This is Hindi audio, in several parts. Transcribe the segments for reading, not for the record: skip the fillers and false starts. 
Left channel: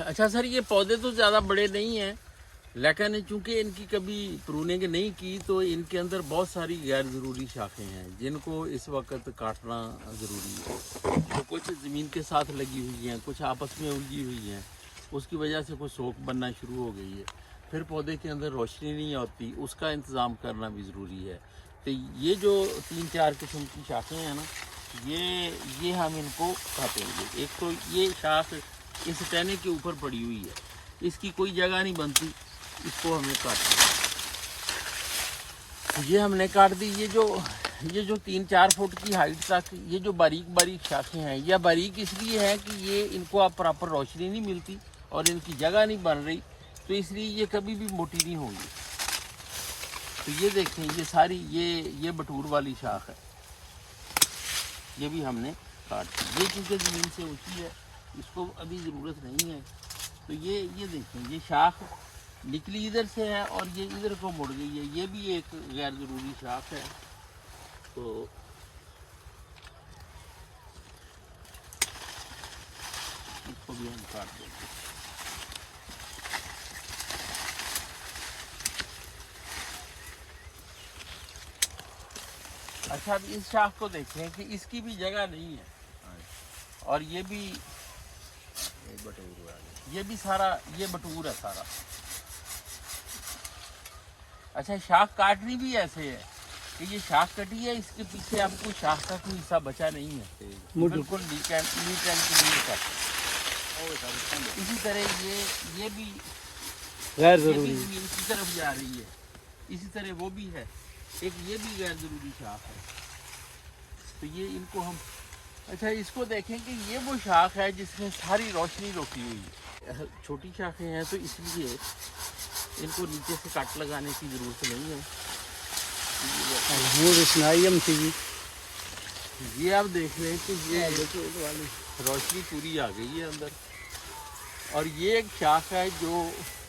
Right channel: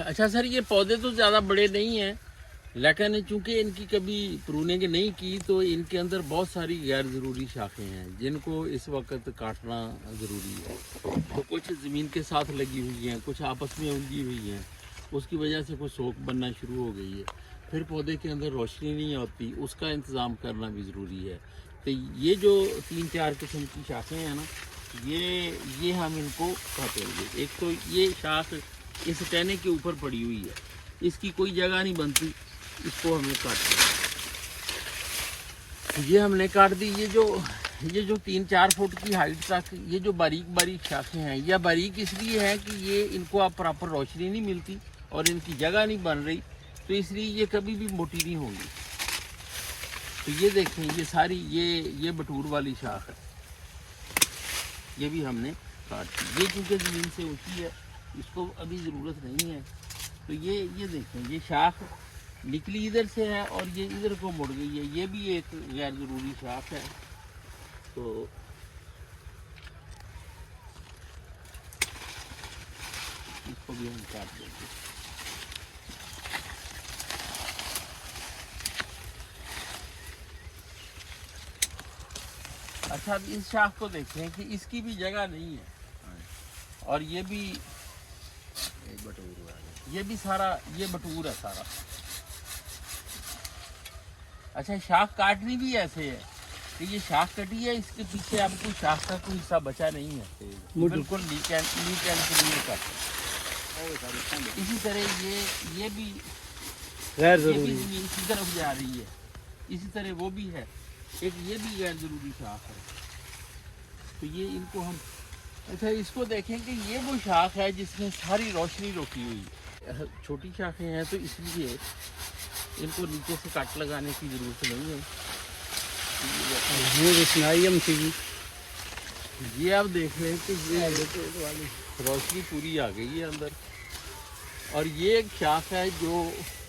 अच्छा सर, ये पौधे तो ज़्यादा बड़े नहीं हैं, लेकिन चूंकि इनकी कभी प्रूनिंग नहीं की तो इनके अंदर बहुत सारी गैर ज़रूरी शाखें हैं जिनको इस वक्त काटना ज़रूरी है। तो कुछ ज़मीन के साथ लगी हुई हैं, कुछ आपस में उलझी हुई हैं, उसकी वजह से कुछ सोख बनना शुरू हो गई है। फिर पौधे के अंदर रोशनी नहीं होती, उसका इंतज़ाम करना भी ज़रूरी है। तो ये जो 3-4 किस्म की शाखें हैं ना, ये हम इनको काटेंगे। एक तो ये शाख इस टहने के ऊपर पड़ी हुई है, इसकी कोई जगह नहीं बनती, इसको हमें काटना है। ये हमने काट दी। ये जो 3-4 फुट की हाइट तक ये जो बारीक बारीक शाखें हैं, यह बारीक इसलिए है कि ये इनको अब प्रॉपर रोशनी नहीं मिलती और इनकी जगह नहीं बन रही, तो इसलिए ये कभी भी मोटी नहीं होंगी। तो ये देखें, ये सारी ये बटूर वाली शाख है, ये भी हमने काट दी। ये क्योंकि ज़मीन से ऊँची है, इसको अभी ज़रूरत नहीं है। तो ये देखें, ये शाख निकली इधर से है और ये इधर को मुड़ गई है, ये भी एक गैर ज़रूरी शाख है। तो इसको भी हम काट देंगे। अच्छा, अब इस शाख को देखें कि इसकी भी जगह नहीं है और ये भी बटूर है, ये भी सारा ये बटूर है सारा। अच्छा, शाख काटनी भी ऐसे है कि ये शाख कटी है, इसके पीछे अब कोई शाख का कोई हिस्सा बचा नहीं है, बिल्कुल नीट एंड क्लीन काटे। इसी तरह ये भी गैर जरूरी इसी तरफ जा रही है, इसी तरह वो भी है एक, ये भी गैर जरूरी शाख है। तो ये इनको हम, अच्छा इसको देखें कि ये वो शाख है जिसमें सारी रोशनी रोकी हुई है। छोटी शाखें हैं तो इसलिए इनको नीचे से कट लगाने की ज़रूरत नहीं है। ये आप देख रहे हैं कि ये रोशनी पूरी आ गई है अंदर, और ये एक शाख है जो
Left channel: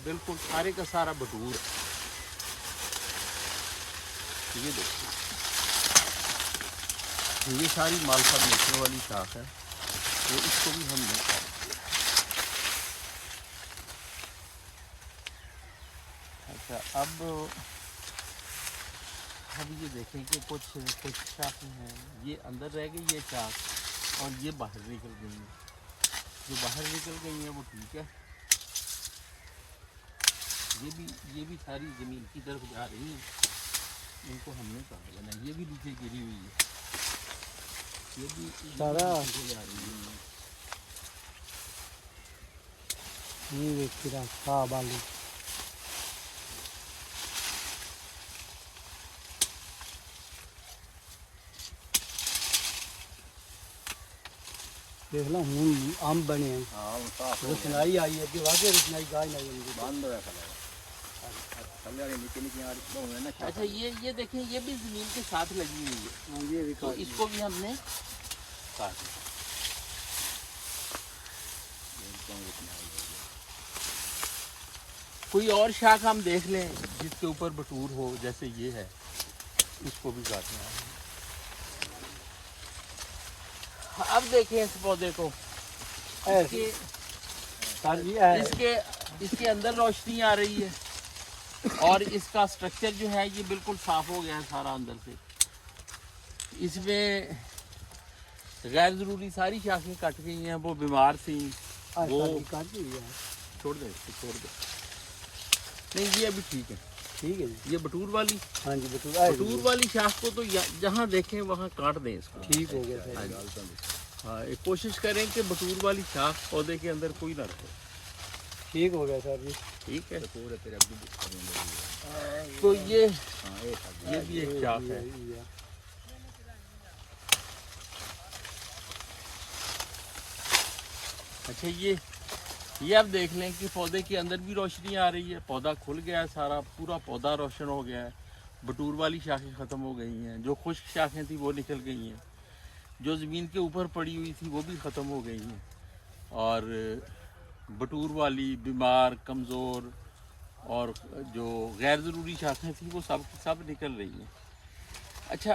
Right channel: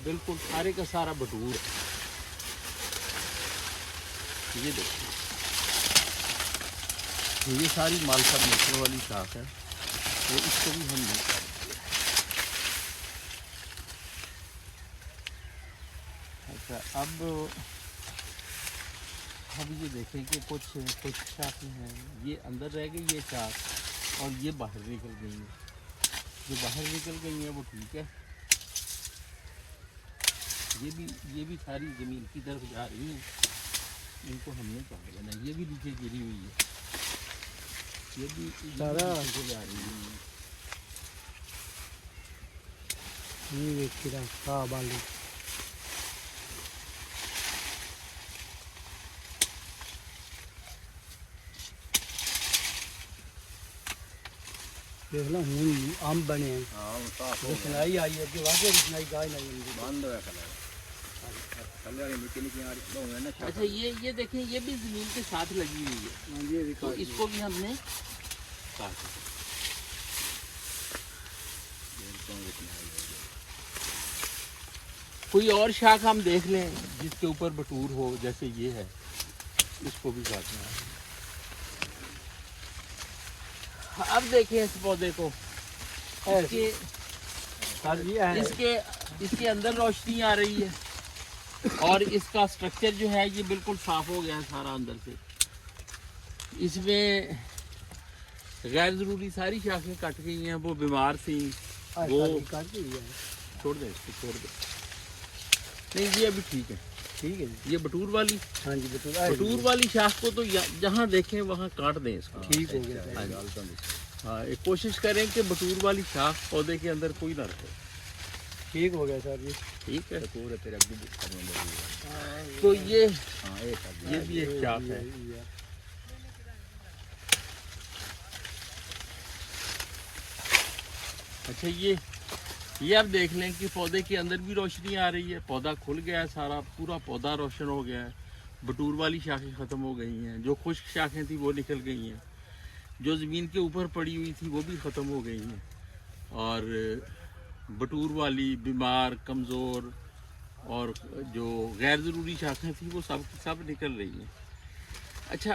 बिल्कुल सारे का सारा बटूर है। ये देखिए, ये सारी मालफर नेचर वाली शाख है, तो इसको भी हम नहीं काटेंगे। अच्छा, अब ये देखें कि कुछ शाखें हैं ये अंदर रह गई है शाख और ये बाहर निकल गई है। जो बाहर निकल गई है वो ठीक है, ये भी सारी ज़मीन की तरफ जा रही है, इनको हमने काट देना। ये भी नीचे गिरी हुई है, ये भी सारा नीचे जा रही है। देखना आम बने हैं, रोशनाई आई है कि वाकई रोशनाई गाय नहीं बंद है। अच्छा, ये देखें, ये भी ज़मीन के साथ लगी हुई है, ये तो इसको भी हमने काट दिया। कोई और शाख हम देख लें जिसके ऊपर बटूर हो, जैसे ये है, इसको भी काटना है। अब देखें इस पौधे को, इसके अंदर रोशनी आ रही है और इसका स्ट्रक्चर जो है ये बिल्कुल साफ हो गया है सारा अंदर से। इसमें गैर जरूरी सारी शाखें कट गई हैं, वो बीमार थी, वो छोड़ दे, छोड़ दे। नहीं, ये अभी ठीक है, ठीक है। ये बटूर वाली, हाँ जी, बटूर वाली शाख को तो जहाँ देखें वहाँ काट दें इसको। ठीक हो गया। हाँ, एक कोशिश करें कि बटूर वाली शाख पौधे के अंदर कोई ना रखे। ठीक हो गया सर जी, ठीक है। तो ये भी एक शाख है। अच्छा, ये आप देख लें कि पौधे के अंदर भी रोशनी आ रही है, पौधा खुल गया है सारा, पूरा पौधा रोशन हो गया है। बटूर वाली शाखें ख़त्म हो गई हैं, जो खुश्क शाखें थी वो निकल गई हैं, जो ज़मीन के ऊपर पड़ी हुई थी वो भी ख़त्म हो गई हैं, और बटूर वाली, बीमार, कमज़ोर और जो गैर ज़रूरी शाखें थी वो सब निकल रही हैं। अच्छा,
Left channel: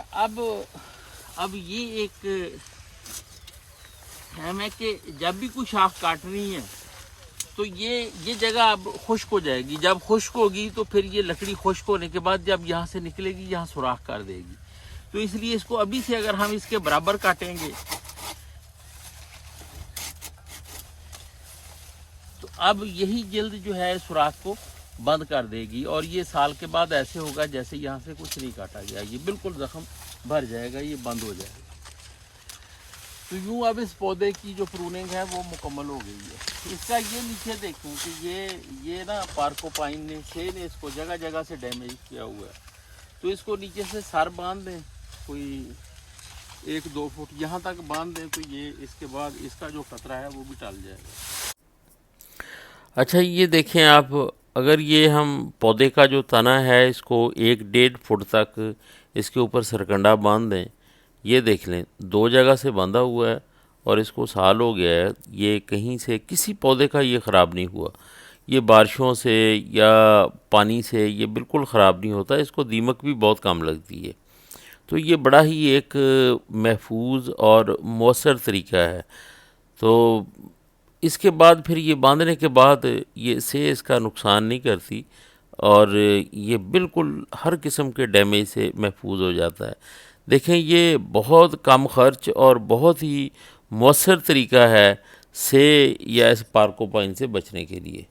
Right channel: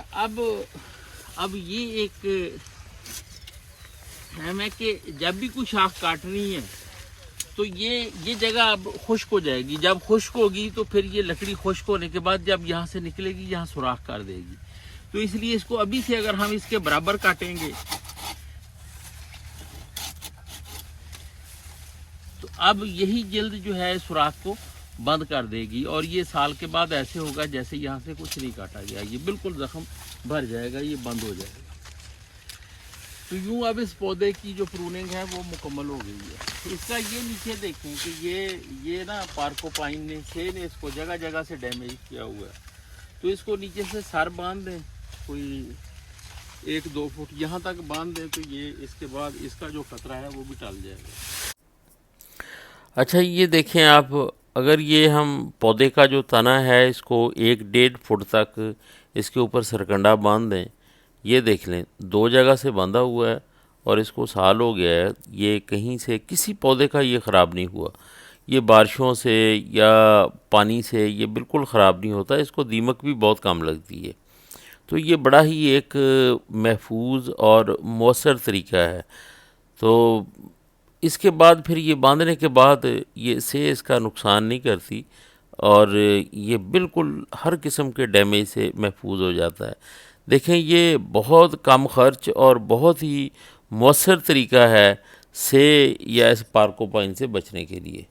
अब ये एक अहम है कि जब भी कोई शाख काटनी है तो ये जगह अब खुश्क हो जाएगी। जब खुश्क होगी तो फिर ये लकड़ी खुश्क होने के बाद जब यहाँ से निकलेगी यहाँ सुराख कर देगी। तो इसलिए इसको अभी से अगर हम इसके बराबर काटेंगे तो अब यही जल्द जो है सुराख को बंद कर देगी और ये साल के बाद ऐसे होगा जैसे यहाँ से कुछ नहीं काटा गया। ये बिल्कुल जख्म भर जाएगा, ये बंद हो जाएगा। तो यूँ अब इस पौधे की जो प्रूनिंग है वो मुकम्मल हो गई है। इसका ये नीचे देखें कि ये ना पार्कोपाइन से ने इसको जगह जगह से डैमेज किया हुआ है। तो इसको नीचे से सर बांध दें, कोई 1-2 फुट यहाँ तक बांध दें, तो ये इसके बाद इसका जो खतरा है वो भी टल जाएगा। अच्छा, ये देखें आप, अगर ये हम पौधे का जो तना है इसको 1-1.5 फुट तक इसके ऊपर सरकंडा बांध दें, ये देख लें 2 जगह से बांधा हुआ है और इसको साल हो गया है, ये कहीं से किसी पौधे का ये ख़राब नहीं हुआ। ये बारिशों से या पानी से ये बिल्कुल ख़राब नहीं होता, इसको दीमक भी बहुत कम लगती है। तो ये बड़ा ही एक महफूज और मौसर तरीका है। तो इसके बाद फिर ये बांधने के बाद ये से इसका नुकसान नहीं करती और ये बिल्कुल हर किस्म के डैमेज से महफूज हो जाता है। देखें, ये बहुत कम खर्च और बहुत ही मौसर तरीका है से या इस पार्कोपाइन से बचने के लिए।